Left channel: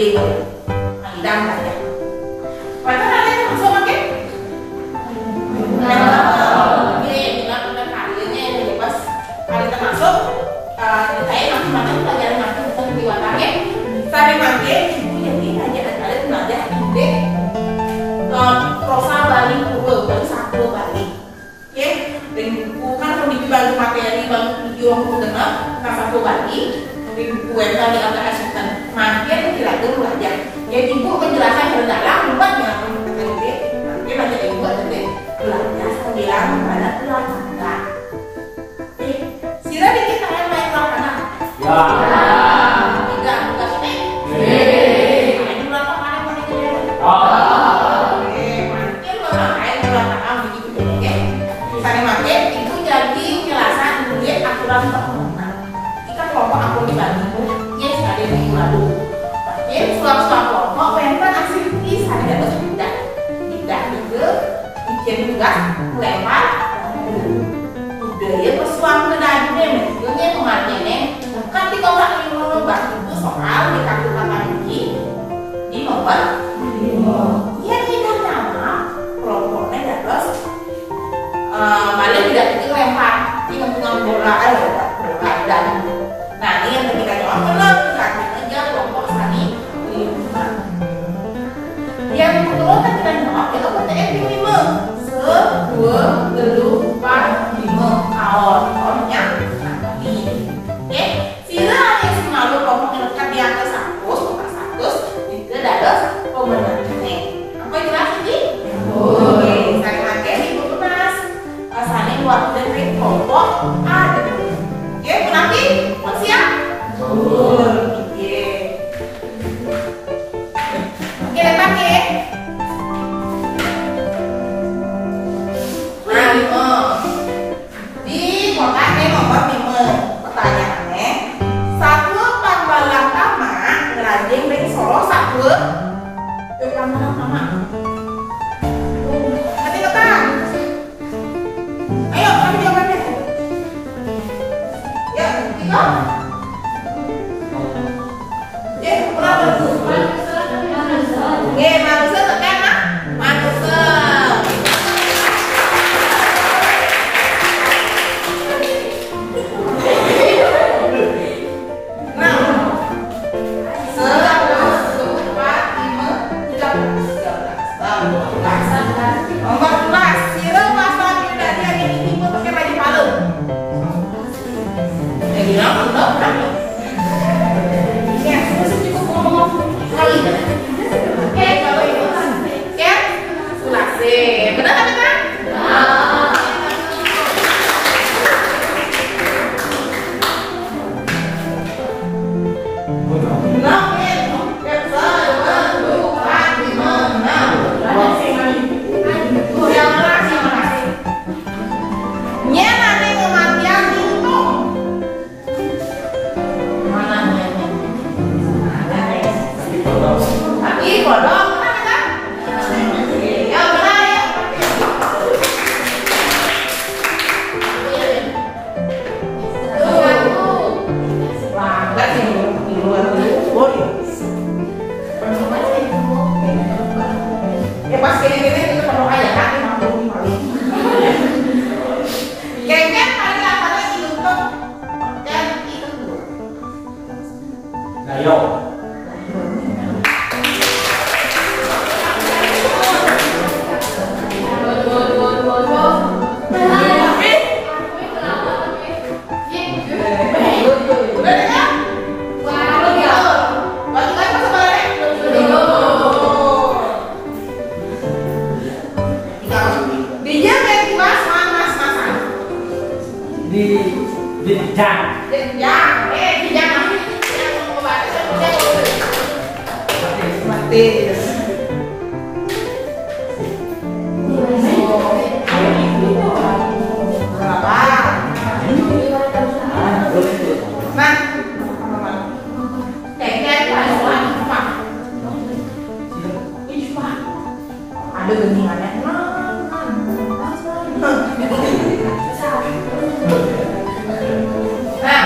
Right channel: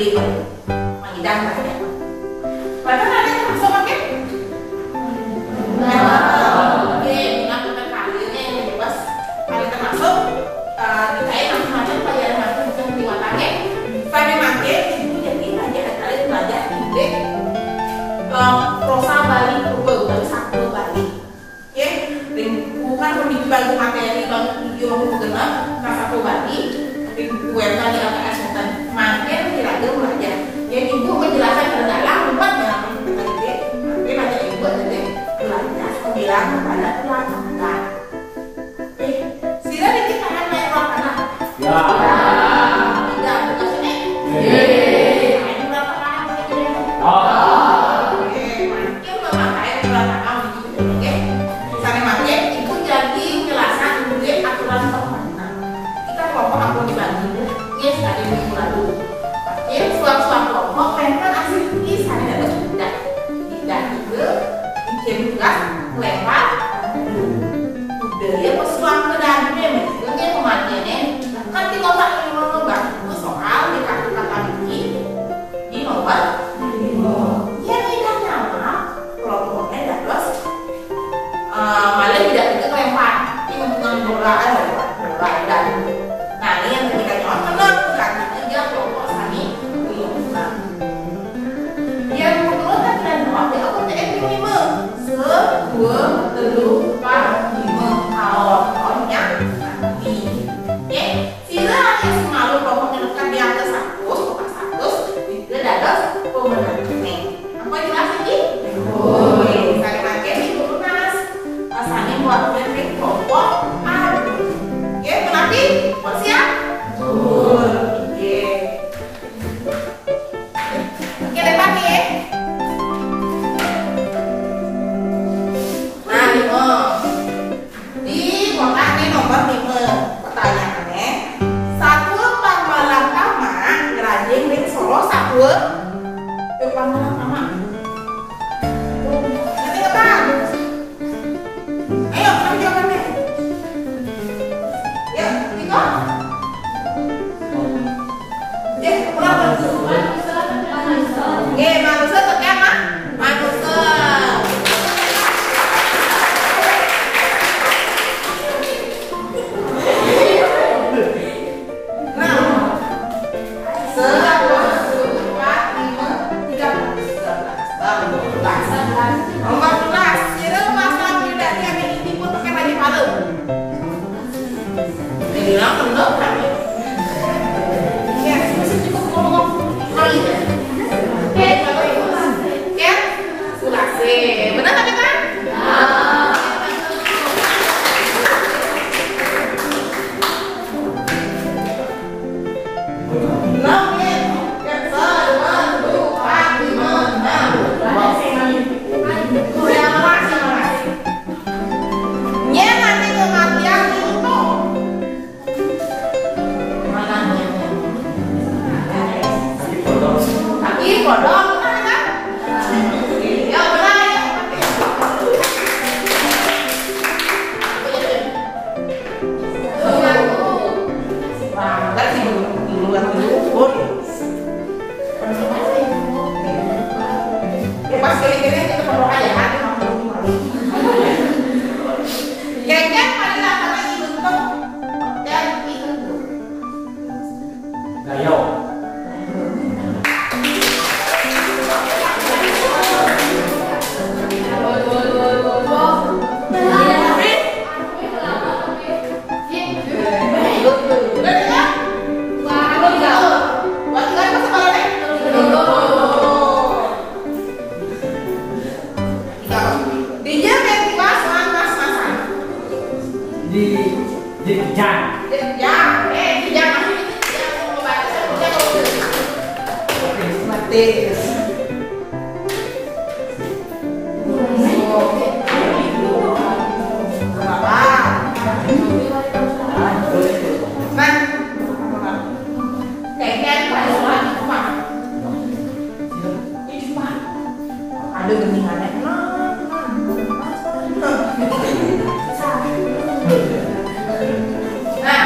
gede banget. Mangidang aja. Padahal ada yang masuk pakai. Oke, kita pakai kalinya yang pas kali termasuk. Ditanya langsung macam pelajaran macam bukan diwatanya. Tadi makin ibu jadi aja kalian belajar ide prosa Bali bukan satu Bali. Oke, bukan memiliki bantu materi bantu video mengenal nah satu Bali. Buku web Bali LKS bukan makin tidak belajar. Jadi ibu menjelaskan dalam buat mengapa kita ide. Makin banyak ibu ada belajar pembilang kepada ulama. Sila dikit kalian main ulama. Ya. Tidak bukan sini. Main ulama mana boleh jadi. Oke, makin ulama main ulama kamu begitu oke. Misalnya makin itu jadi penjelasan ibu aturan permainan. Kita kelompok aku dibagi bu, ya sekali minggu lalu. Makin suap-suap kelompok memang asli saya harus tidak juga bikin tugas melempar budaya pesuang ke dalamnya misalnya kematiannya kan di kotak yang nomor itu soal di kartu kata di nomor ya tidak nama kelompoknya terus malah tidak itu lempar dengan bola dan nah ini yang kita jawab kenal karena aja kelompok sani yang kedua kan kita jawab ya OTM lima dua telu empat lima awalnya nanti oke sila yang semalu kelompok menekan di atas 100 itu adalah pemenangnya apa jelas ini? Oke saya pakai ibu kemas pasangan waktu dari kelompok ada oke menanti buat siap? Oke oke lepas ya di kotak ini nomor 5 pertanyaannya 1 tambah langkama ngerajing dari Solo 1 tambah langkama nanti ketan ayo kami jawabannya ya 3 ya kurang oke manusia tekan mah manusia benar tak benar? Ada gendingannya. Nah,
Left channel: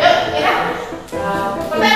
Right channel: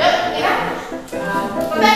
yuk, kita. Boleh.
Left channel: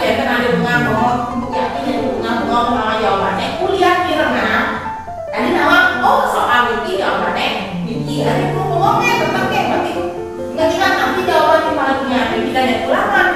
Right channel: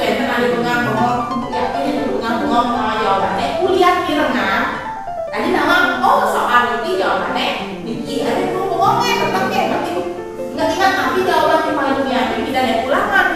Pakai nama jawabannya kuliah di renang. Tadi nama soal ini jawabannya Niki. Ada yang ngomongnya tentang berarti ingat nanti jawaban kembalinya. Jadi tidak ada ulangan.